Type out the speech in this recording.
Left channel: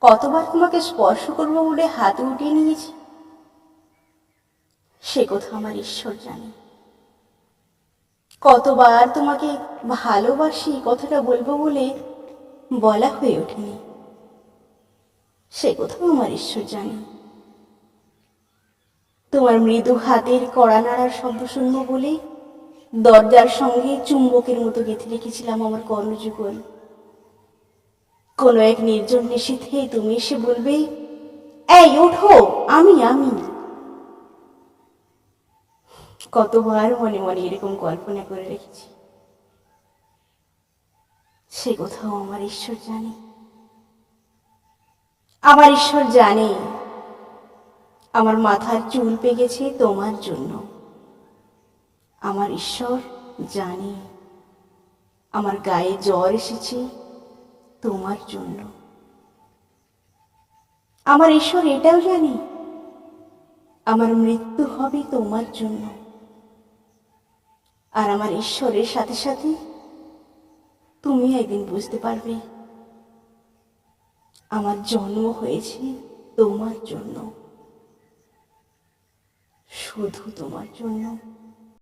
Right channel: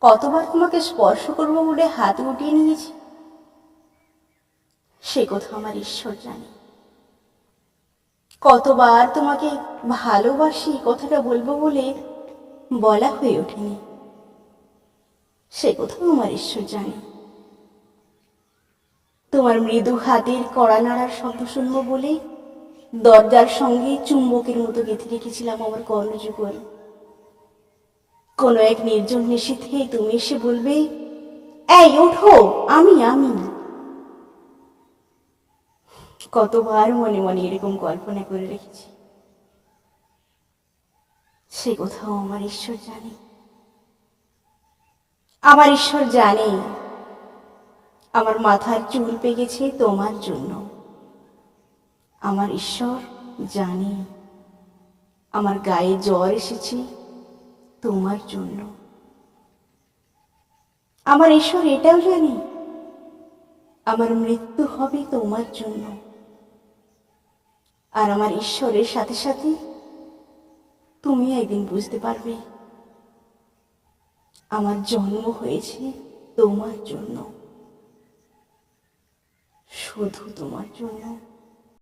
কতবার তোমাকে স্পর্শ করব বলে হাতে উঠিয়ে নিয়েছি? সে কথা আমার ঈশ্বর জানে। কতবার তোমাকে ভালোবাসি কথাটা বলব বলে বলা হয়ে ওঠেনি। সে কথাও আমার ঈশ্বর জানে। তোমার মৃদু হাতের কড়া নাড়ার শব্দ শুনব বলে দরজার সঙ্গে চুম্বকের মতো গেঁথে রেখেছিলাম আমার কর্ণযুগল। কোনো এক নির্জন নিশীথে তুমি এসে বলবে, এই, ওঠো, আমি আমি। কতবার মনে মনে এরকম কল্পনা করে রেখেছি। সে কোথাও আমার ঈশ্বর জানে। আমার ঈশ্বর জানে। আমার মাথার চুল পেকেছে তোমার জন্য। আমার ঈশ্বর জানে। আমার গায়ে জ্বর এসেছে। তোমার জন্য। আমার ঈশ্বর এটাও জানি, আমার মৃত্যু হবে তোমার জন্য। আর আমার ঈশ্বরের সাথে সাথে তুমি একদিন বুঝতে পারবে, আমার জন্ম হয়েছে তোমার জন্য, শুধু তোমার জন্য।